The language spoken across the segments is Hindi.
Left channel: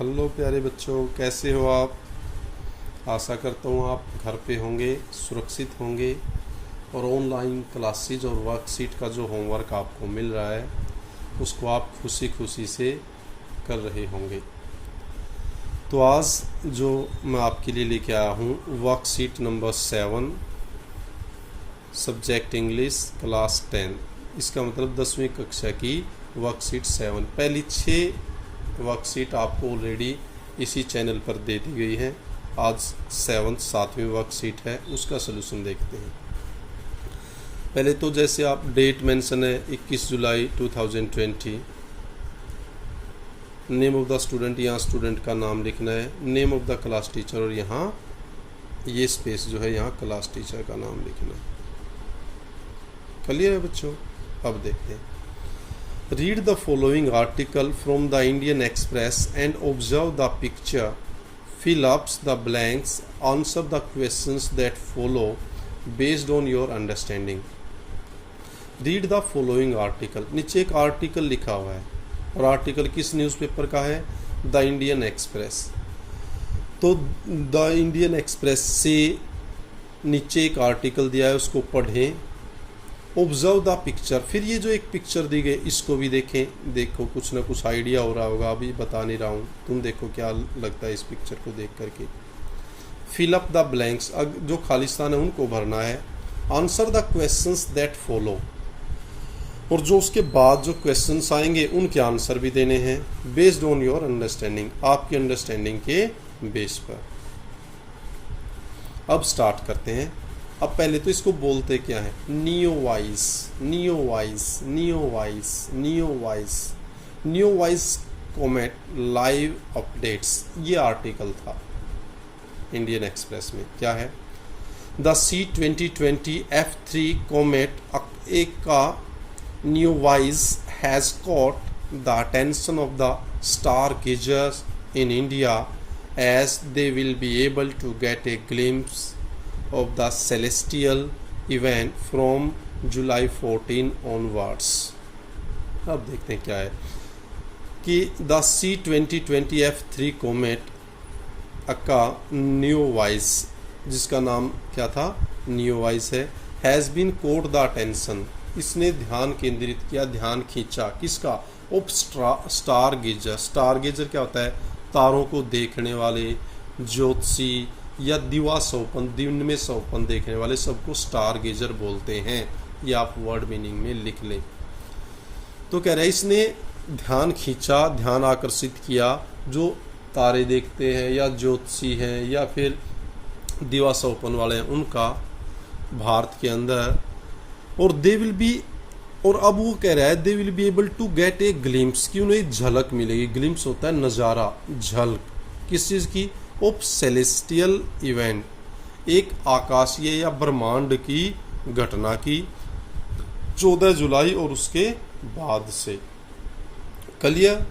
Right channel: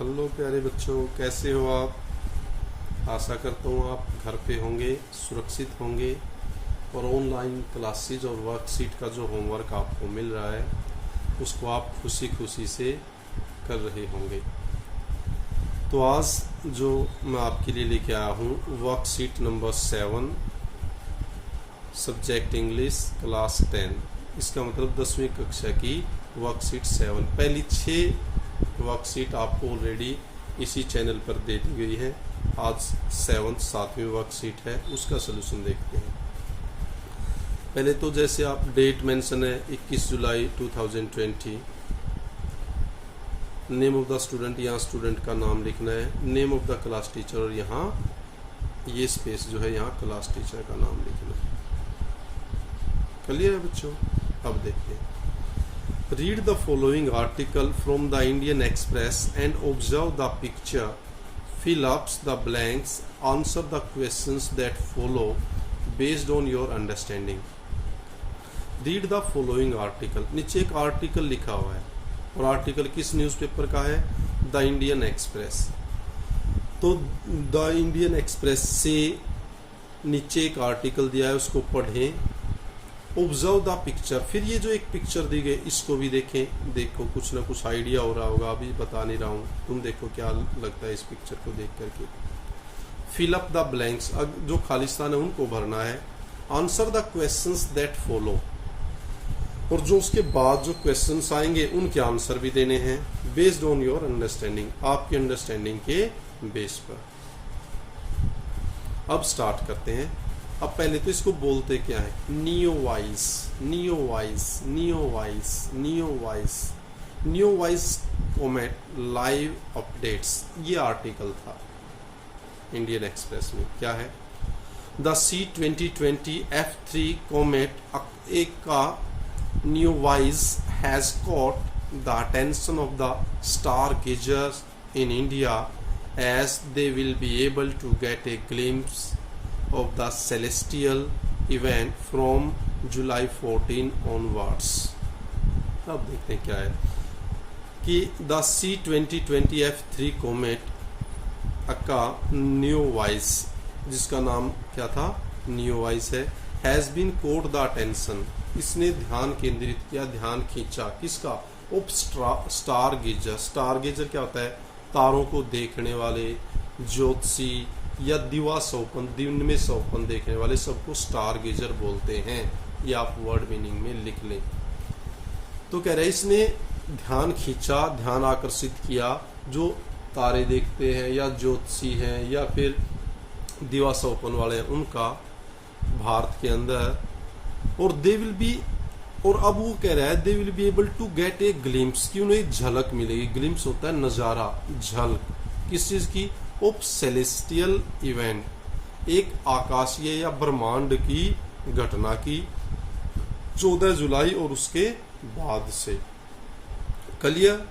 हेलो प्यारे बच्चों, कैसे हो आप। आशा करता हूँ आप घर पे होंगे, सुरक्षित होंगे और ऑनलाइन क्लासेज और वर्कशीट का जो होमवर्क आपको मिल रहा है उसको आप खुशी खुशी से कर रहे होंगे। तो आज जो मैं आपके लिए लेके आया हूँ worksheet number 7, subject English class 10, इसका मतलब 10वीं कक्षा की वर्कशीट 7। पहली 6 वर्कशीट आपको ऑलरेडी इसी चैनल पर दे दी गई है। आज 7वीं वर्कशीट है, उसका सलूशन देखते हैं। पहले तो जैसे आप डेट मेंशन है 21 जुलाई 2020, नेम ऑफ द स्टूडेंट, यहाँ स्टूडेंट का नाम लिखना है, name of the class teacher और यहाँ ये स्पेस जो है यहाँ क्लास टीचर का नाम लिखना है। क्लियर है बच्चों। अब देखते हैं। Read the following article from the Indian Express and observe the picture. Fill up the blanks. Answer the questions that follow based on your understanding. Read the following article. नीचे एक आर्टिकल लिखा हुआ है और आर्टिकल किस न्यूज़पेपर का है? The Indian express. तो द इंडियन एक्सप्रेस से नीचे एक आर्टिकल दिया है, उसको पढ़ें। ऑब्जर्व द पिक्चर, फिर ये जो एक पिक्चर दी गई इसको भी देखें। देखो कुछ ना कुछ आइडिया हो रहा होगा, अभी बता नहीं रहा हूँ, तुम देखो क्या लगता है इस पिक्चर को देख करके। फिल अप द ब्लैंक्स, जो खालिस्तान है उनको भरना है। Answer the questions that follow, और जो उसके बाद जो क्वेश्चंस आएंगे उनके आंसर भी देने हैं। बेस्ड ऑन योर अंडरस्टैंडिंग, आपकी अंडरस्टैंडिंग के बेस पर। अब स्टार्ट करते हैं। अब पहले तो इसको बोलते क्या है? Neowise, Neowise, Neowise, Neowise, Neowise comet live updates, ये आर्टिकल था इंडियन एक्सप्रेस में। क्या है? द C2020 F3 कॉमेट का Neowise has caught the attention of the star gazers in India as they will be able to get a glimpse of the celestial event from July 14 onwards. अब देखते हैं क्या है कि the C2020 F3 comet का नियोवाइस, जिसका नाम क्या था? नियोवाइस है, has been caught the attention, इसने ध्यान केंद्रित किया, ध्यान खींचा किसका? Of star गेजर। स्टार गेजर क्या होता है? तारों को देखने वाले, ज्योतिषी या दिवा सौपन, दिन में सौपन देखने वाले सबको स्टार गेजर बोलते हैं। ये आप वर्ड मीनिंग में लिख लें। तो कह रहे हैं इसने ध्यान खींचा, ध्यान आकर्षित किया, जो तारे देखते हैं या ज्योतिषी हैं या फिर दिवा सौपन वाले हैं उनका भारत के अंदर। और दे विल बी, और अब वो कह रहा है they will be able to get a glimpse, कि उन्हें झलक मिलेगी। ग्लिम्स होता है नज़ारा, झलक किस चीज़ की? ऑफ सेलेस्टियल इवेंट, एक आकाशीय या ब्रह्मांड की घटना की 14 जुलाई और उसके बाद से। क्लियर?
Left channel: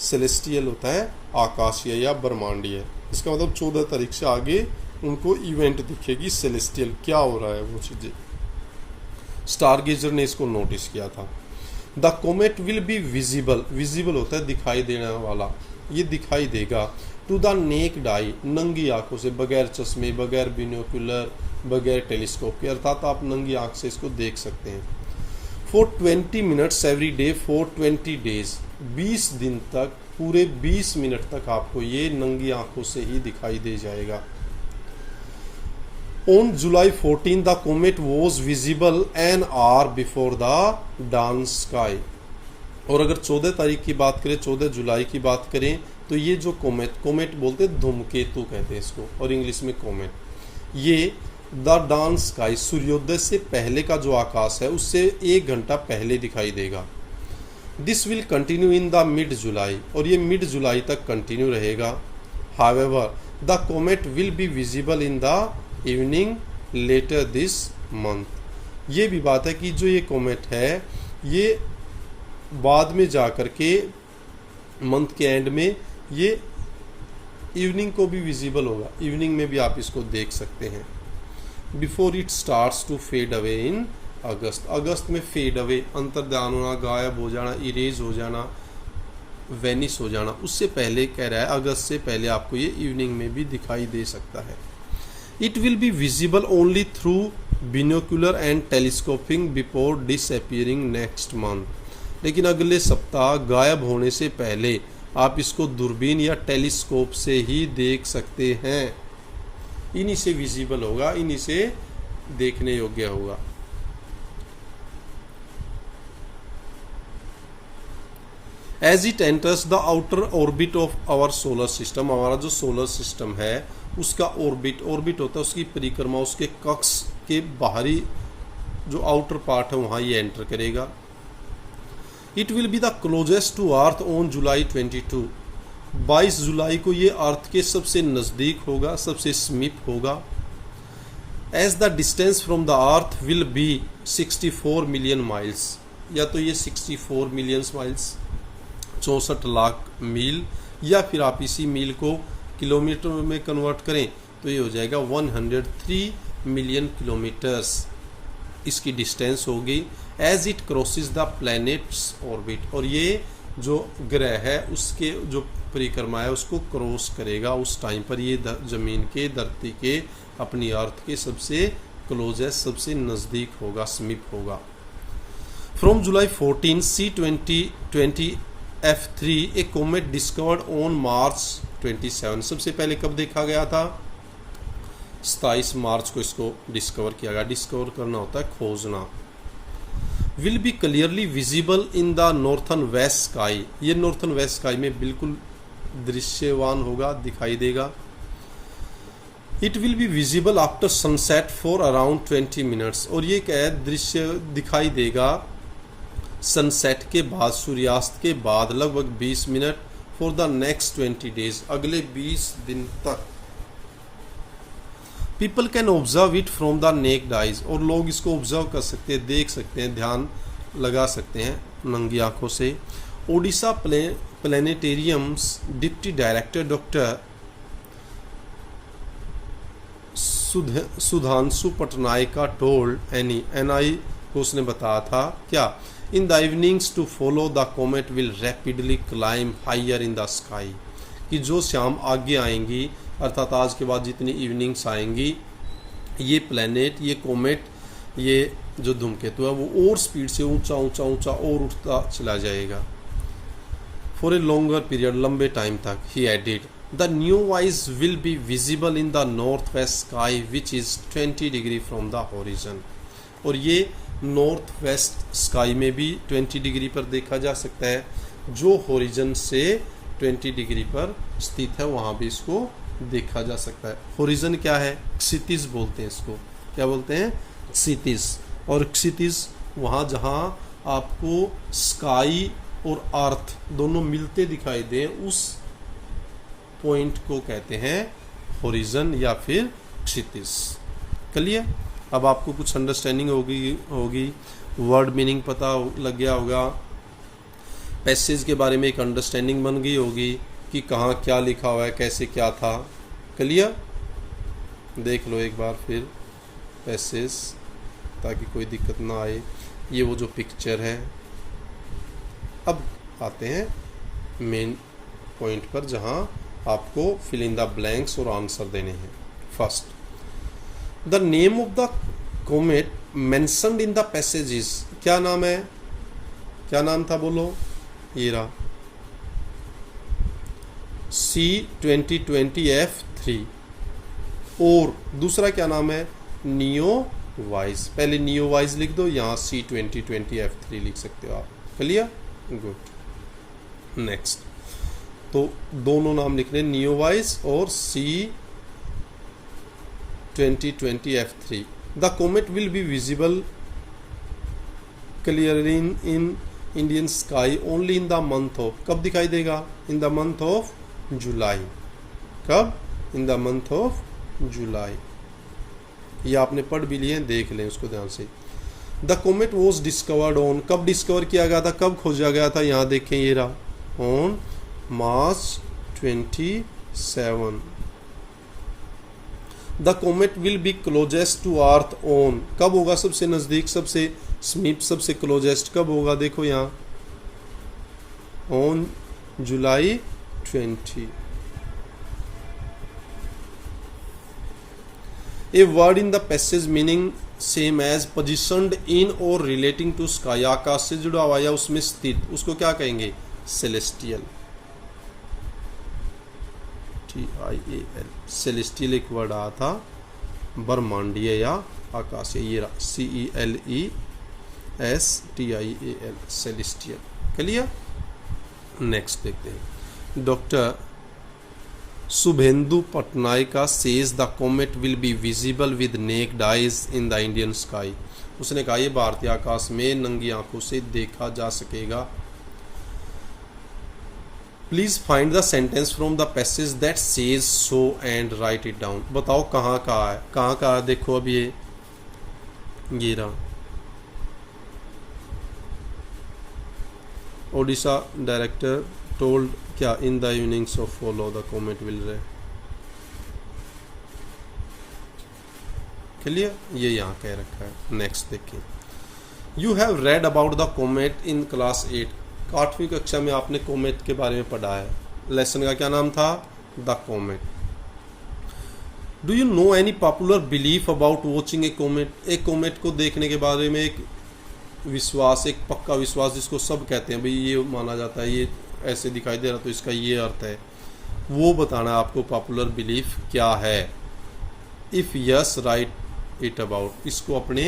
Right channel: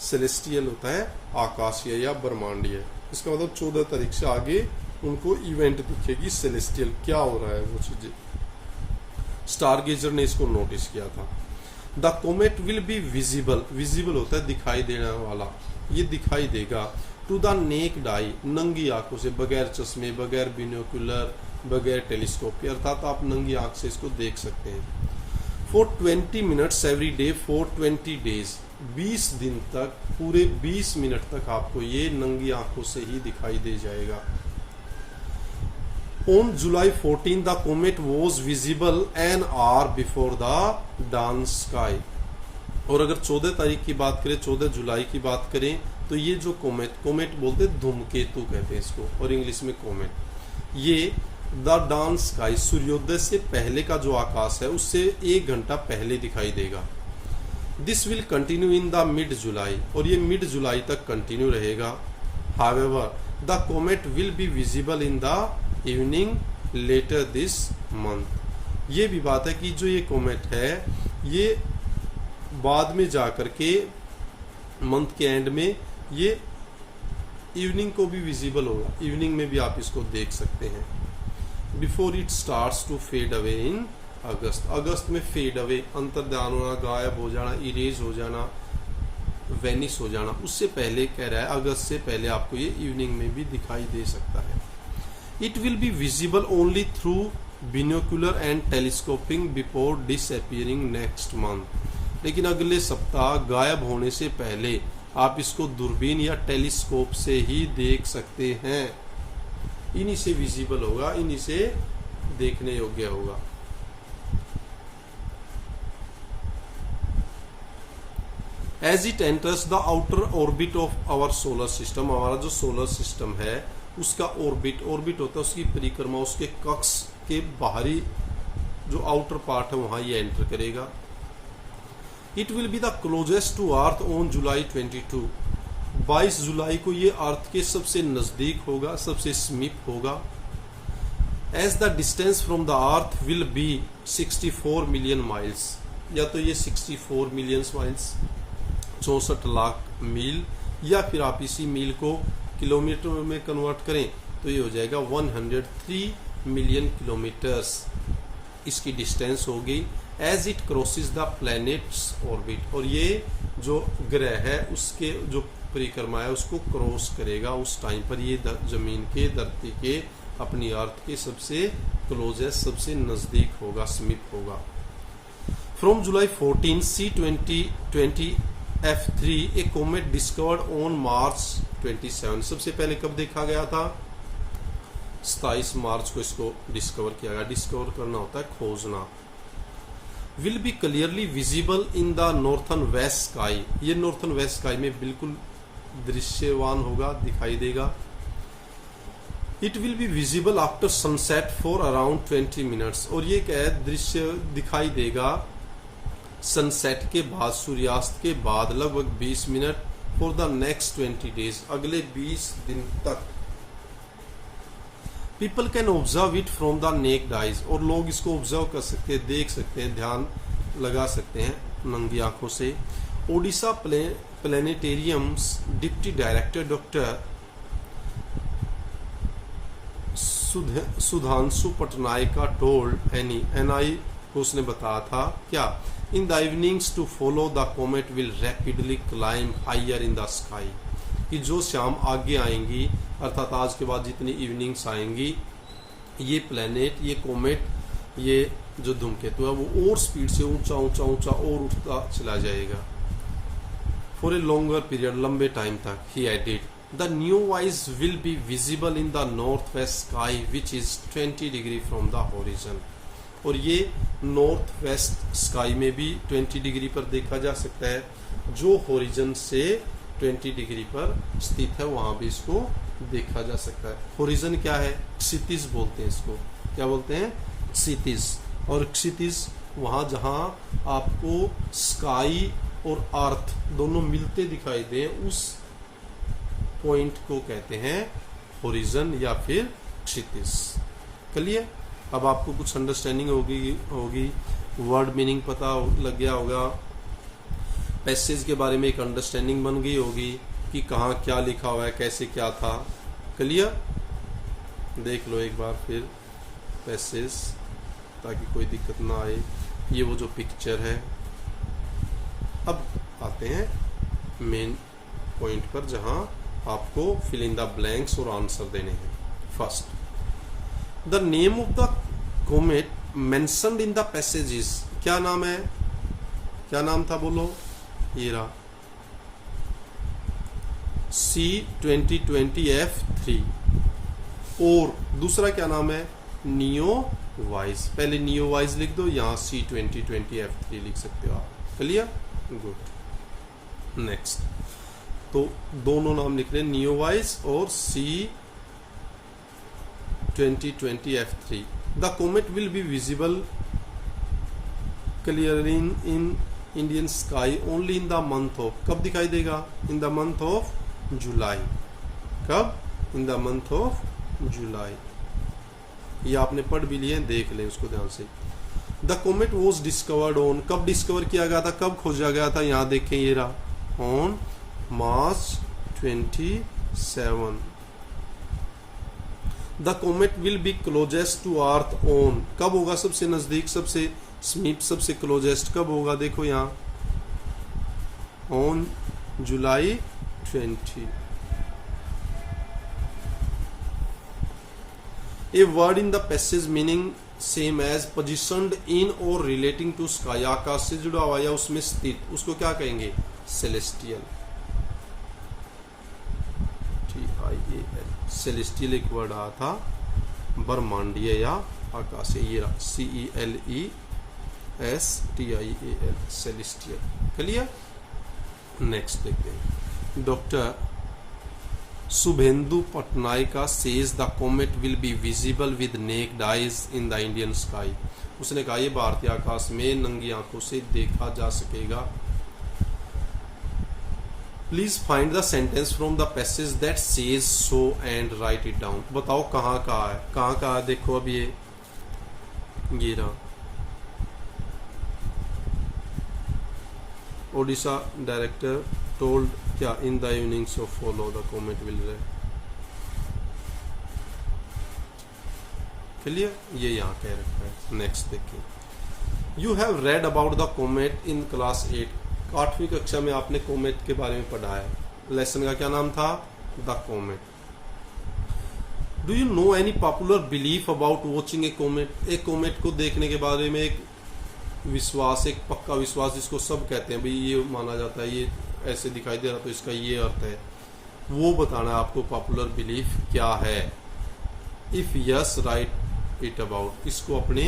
सेलेस्टियल होता है आकाशीय या ब्रह्मांडीय, इसका मतलब 14 तारीख से आगे उनको इवेंट दिखेगी सेलेस्टियल, क्या हो रहा है वो चीज़ें। स्टार गेजर ने इसको नोटिस किया था। The comet will be visible, visible होता है दिखाई देने वाला, ये दिखाई देगा। टू द नेक्ड आई, नंगी आंखों से, बगैर चश्मे, बगैर बिनोकुलर, बगैर टेलीस्कोप के, अर्थात आप नंगी आंख से इसको देख सकते हैं। For 20 minutes every day for 20 days, 20 दिन तक, पूरे 20 मिनट तक आपको ये नंगी आंखों से ही दिखाई दे जाएगा। On July 14, the comet was visible an hour before the dawn sky. और अगर 14 तारीख की बात करें, 14 जुलाई की बात करें, तो ये जो कोमेट, कोमेट बोलते धूमकेतु कहते हैं इसको, और इंग्लिश में कोमेट, ये द डान स्काई, सूर्योदय से पहले का जो आकाश है उससे 1 घंटा पहले दिखाई देगा। This will continue in the mid July, और ये मिड जुलाई तक कंटिन्यू रहेगा। However the comet will be visible in the evening later this month. ये भी बात है कि जो ये कोमेट है ये बाद में जाकर के मंथ के एंड में ये इवनिंग को भी विजिबल होगा, इवनिंग में भी आप इसको देख सकते हैं। Before it starts to fade away in August, अगस्त में फेड अवे, अंतर्ध्यान होना, गायब हो जाना, इरेज हो जाना, वेनिश हो जाना, उससे पहले कह रहा है अगस्त से पहले आपको ये इवनिंग में भी दिखाई दे सकता है। It will be visible only through binocular and telescoping before disappearing next month. लेकिन अगले सप्ताह गायब होने से पहले आप इसको दूरबीन या टेलीस्कोप से ही देख सकते हैं। इन्हीं से विजिबल होगा, इन्हीं से देखने योग्य होगा। As it enters the outer orbit of our solar system, हमारा जो सोलर सिस्टम है उसका ऑर्बिट होता है उसकी परिक्रमा, उसके कक्ष के बाहरी जो आउटर पार्ट है वहां ये एंटर करेगा। It will be the closest to earth on July 22, 22 जुलाई को ये अर्थ के सबसे नजदीक होगा, सबसे समीप होगा। As the distance from the earth will be 64 million miles, या तो ये 64 मिलियन माइल्स 64 लाख मील, या फिर आप इसी मील को किलोमीटर में कन्वर्ट करें तो ये हो जाएगा 103 मिलियन किलोमीटर्स इसकी डिस्टेंस होगी। As it crosses the planet's orbit, और ये जो ग्रह है उसके जो परिक्रमा है उसको क्रॉस करेगा, उस टाइम पर ये जमीन के, धरती के, अपनी अर्थ के सबसे क्लोजेस्ट, सबसे नजदीक होगा, समीप होगा। From July 14 C2020 F3 A comet discovered on March 27, सबसे पहले कब देखा गया था? 27 मार्च को इसको डिस्कवर किया गया। डिस्कवर करना होता है खोजना। Will be clearly visible in the northern west sky, ये नॉर्थन वेस्ट स्काई में बिल्कुल दृश्यवान होगा, दिखाई देगा। It will be visible after sunset for around 20 minutes, और ये क्या है, दृश्य दिखाई देगा सनसेट के बाद, सूर्यास्त के बाद लगभग 20 minute, for the next 20 days, अगले 20 दिन तक। People can observe it from the necked eyes, और लोग इसको ऑब्जर्व कर सकते हैं, देख सकते हैं, ध्यान लगा सकते हैं नंगी आंखों से। Odisha planetariums deputy director doctor Sudhanshu Patnaik का टोल्ड एनआई को उसने बताया था क्या, in the evenings to follow the comet will rapidly climb higher in the sky, कि जो शाम आगे आएंगी अर्थात आज के बाद जितनी इवनिंग्स आएंगी ये प्लैनेट, ये कॉमेट, ये जो धूमकेतु है वो और स्पीड से ऊंचा ऊंचा ऊंचा और उठता चला जाएगा फॉर ए लॉन्गर पीरियड, लंबे टाइम तक। ही एडिड द न्यू वाइज will be visible in the north west sky which is 20 degree from the horizon, और ये नॉर्थ वेस्ट स्काई में भी 20 डिग्री पर देखा जा सकता है, जो होरिजन से 20 डिग्री पर स्थित है वहां भी इसको देखा जा सकता है। होरिजन क्या है? क्षितिज बोलते हैं इसको। क्या बोलते हैं? क्षितिज। और क्षितिज वहां जहां आपको स्काई और अर्थ दोनों मिलते दिखाई दे, उस पॉइंट को कहते हैं होरिजन या फिर क्षितिज। क्लियर? अब आपको कुछ अंडरस्टैंडिंग होगी, वर्ड मीनिंग पता लग गया होगा, पैसेज के बारे में एक अंडरस्टैंडिंग बन गई होगी कि कहाँ क्या लिखा हुआ है, कैसे क्या था। क्लियर? देख लो एक बार फिर पैसेज, ताकि कोई दिक्कत ना आए। ये वो जो पिक्चर है। अब आते हैं मेन पॉइंट पर जहां आपको फिल इन द ब्लैंक्स और आंसर देने हैं। First, the name of the comet mentioned in the passages, क्या नाम है? क्या नाम था बोलो? ये रहा C2020F3, और दूसरा क्या नाम है? Neo wise. पहले नियो वाइज लिख दो, यहाँ C2020F3 लिख सकते हो आप। क्लियर? गुड। नेक्स्ट, तो दोनों नाम लिख रहे हैं, नियो वाइज और C2020F3। The comet will be visible clearly in Indian sky only in the month of, कब दिखाई देगा? In the month of July. कब? In the month of July. ये आपने पढ़ भी लिए, देख लें उसको ध्यान से। The comet was discovered on, कब डिस्कवर किया गया था, कब खोजा गया था? यहाँ देखें, ये रहा, on March 27। The comet will be closest to earth on, कब होगा सबसे नजदीक, सबसे समीप, सबसे क्लोजेस्ट कब होगा? देखो यहाँ, on July 20. A word in the passage meaning same as positioned in or relating to sky, आकाश से जुड़ा हुआ या उसमें स्थित, उसको क्या कहेंगे? सेलेस्टियल. TIAL. सेलेस्टियल एक वर्ड आया था, ब्रह्मांडीय या आकाशीय. ये CELESTIAL, सेलेस्टियल. क्लियर? नेक्स्ट देखते हैं. Doctor Subhendu Patnaika says the comet will be visible with naked eyes in the Indian sky. उसने कहा ये भारतीय आकाश में नंगी आंखों से देखा जा सकेगा. Please find the sentence from the passage that says so and write it down. बताओ कहाँ कहाँ है, कहाँ कहाँ है? देखो अब ये रहा. ओडिशा डायरेक्टर टोल्ड क्या in the evenings of follow the comet will रे. क्लियर? ये यहाँ कह रखा है. नेक्स्ट देखिए. You have read about the comet in class 8. 8वीं कक्षा में आपने कॉमेट के बारे में पढ़ा है. लेसन का क्या नाम था? The comet. Do you know any popular belief about watching A comet. एक कॉमेट को देखने के बारे में एक विश्वास, एक पक्का विश्वास जिसको सब कहते हैं भाई ये माना जाता है, ये ऐसे दिखाई दे रहा तो इसका ये अर्थ है, वो बताना आपको पॉपुलर बिलीफ क्या है. If yes right it about. इसको अपने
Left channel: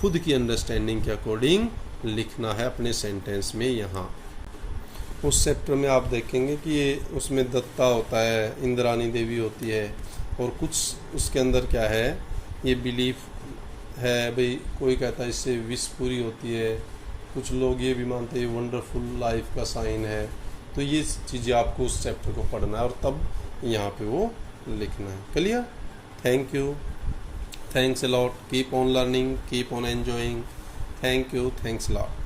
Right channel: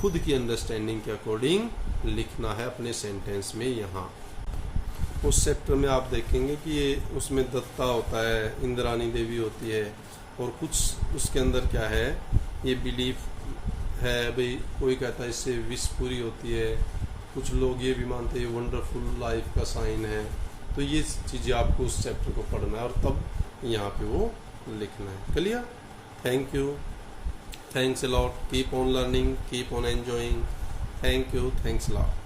खुद की अंडरस्टैंडिंग के अकॉर्डिंग लिखना है अपने सेंटेंस में. यहाँ उस चैप्टर में आप देखेंगे कि ये उसमें दत्ता होता है, इंद्रानी देवी होती है, और कुछ उसके अंदर क्या है, ये बिलीफ है भाई. कोई कहता है इससे विश पूरी होती है, कुछ लोग ये भी मानते हैं वंडरफुल लाइफ का साइन है. तो ये चीज़ें आपको उस चैप्टर को पढ़ना है और तब यहाँ पे वो लिखना है. Clear? Thank you. Thanks a lot. Keep on learning, keep on enjoying. Thank you. Thanks a lot.